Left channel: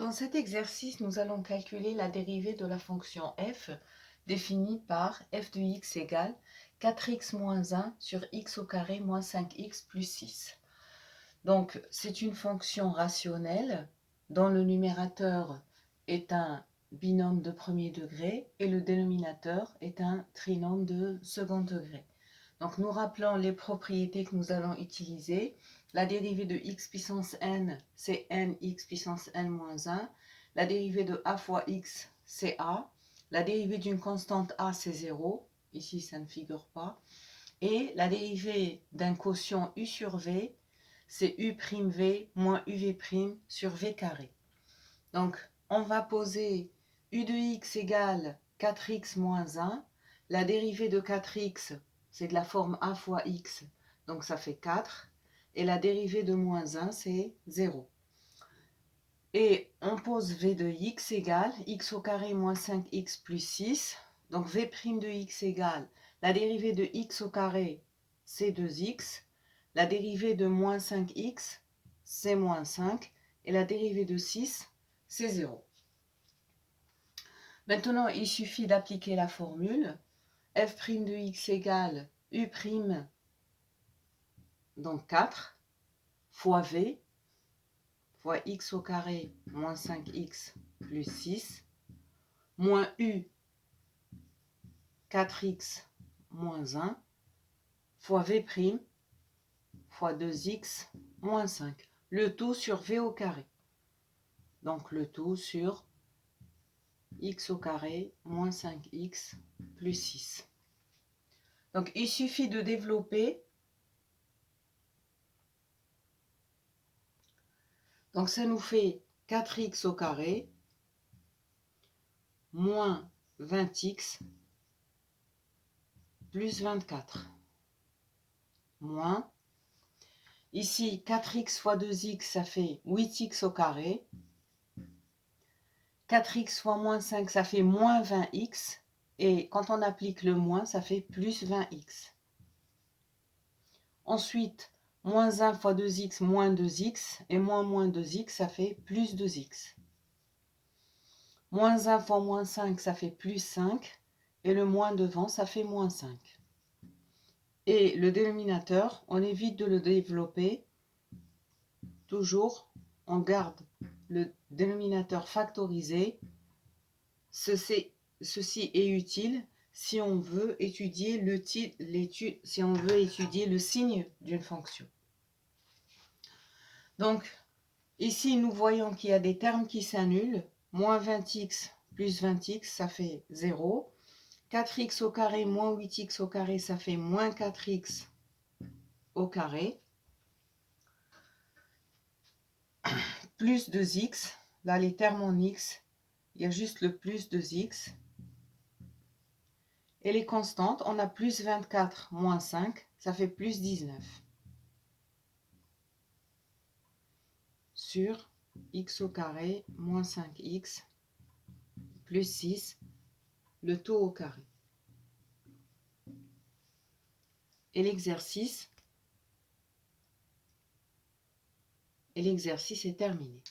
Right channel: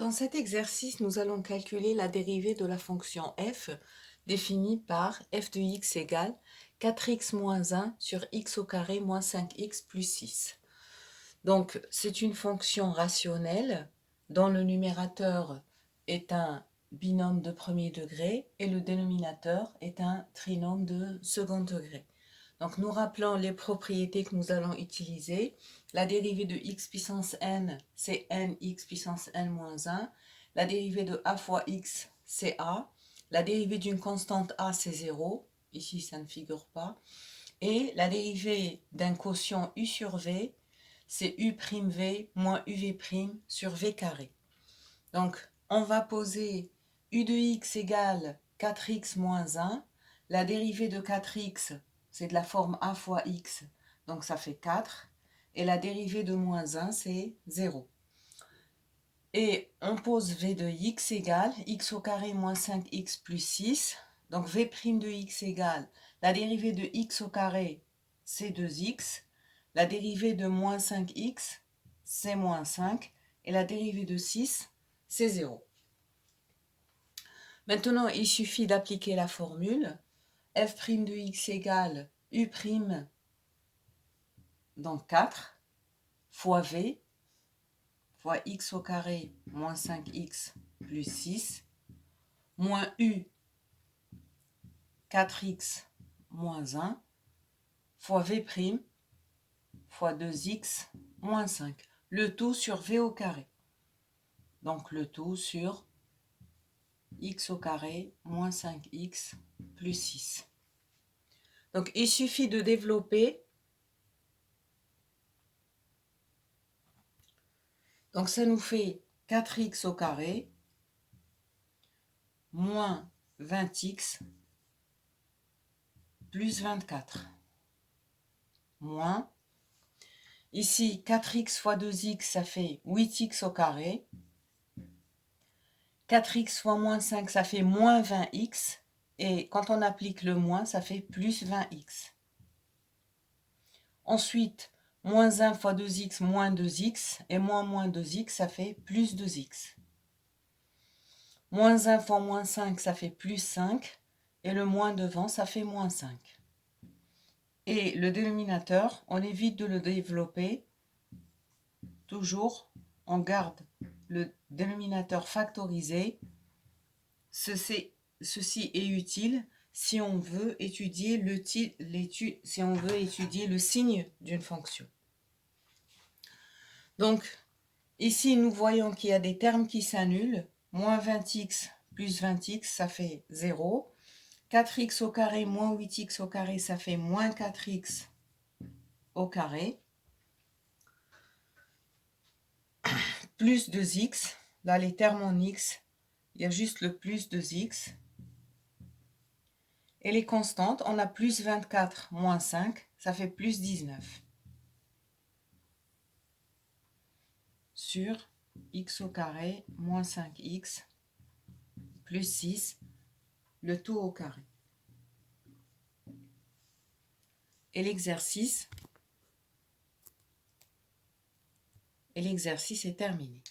Dans cet exercice, nous allons calculer la dérivée de la fonction f définie par f de x égale 4x moins 1 sur x au carré moins 5x plus 6. Donc, c'est une fonction rationnelle dont le numérateur est un binôme de premier degré et le dénominateur est un trinôme de second degré. Donc, nous rappelons les propriétés que nous allons utiliser. La dérivée de x puissance n, c'est n x puissance n moins 1. La dérivée de a fois x, c'est a. La dérivée d'une constante a, c'est 0. Ici, ça ne figure pas. Et la dérivée d'un quotient u sur v, c'est u'v moins uv' sur v carré. Donc, on va poser u de x égale 4x moins 1. La dérivée de 4x, c'est de la forme a fois x, donc ça fait 4. Et la dérivée de moins 1, c'est 0. Et on pose v de x égale x au carré moins 5x plus 6. Donc v' de x égale la dérivée de x au carré, c'est 2x. La dérivée de moins 5x, c'est moins 5. Et la dérivée de 6, c'est 0. Maintenant, il suffit d'appliquer la formule. F' de x égale u', donc 4, fois v, fois x au carré moins 5x plus 6, moins u, 4x moins 1, fois v', fois 2x moins 5. Le tout sur v au carré. Donc le tout sur x au carré moins 5x plus 6. Donc il suffit de développer. Donc ça nous fait 4x au carré moins 20x plus 24. Moins, ici 4x fois 2x, ça fait 8x au carré. 4x fois moins 5, ça fait moins 20x. Et quand on applique le moins, ça fait plus 20x. Ensuite, moins 1 fois 2x, moins 2x. Et moins 2x, ça fait plus 2x. Moins 1 fois moins 5, ça fait plus 5. Et le moins devant, ça fait moins 5. Et le dénominateur, on évite de le développer. Toujours, on garde le dénominateur factorisé. Ceci est utile si on veut étudier le signe d'une fonction. Donc, ici, nous voyons qu'il y a des termes qui s'annulent. Moins 20x plus 20x, ça fait 0. 4x au carré moins 8x au carré, ça fait moins 4x au carré. Plus 2x. Là, les termes en x, il y a juste le plus 2x. Et les constantes, on a plus 24 moins 5, ça fait plus 19. Sur x au carré moins 5x plus 6, le tout au carré. Et l'exercice est terminé.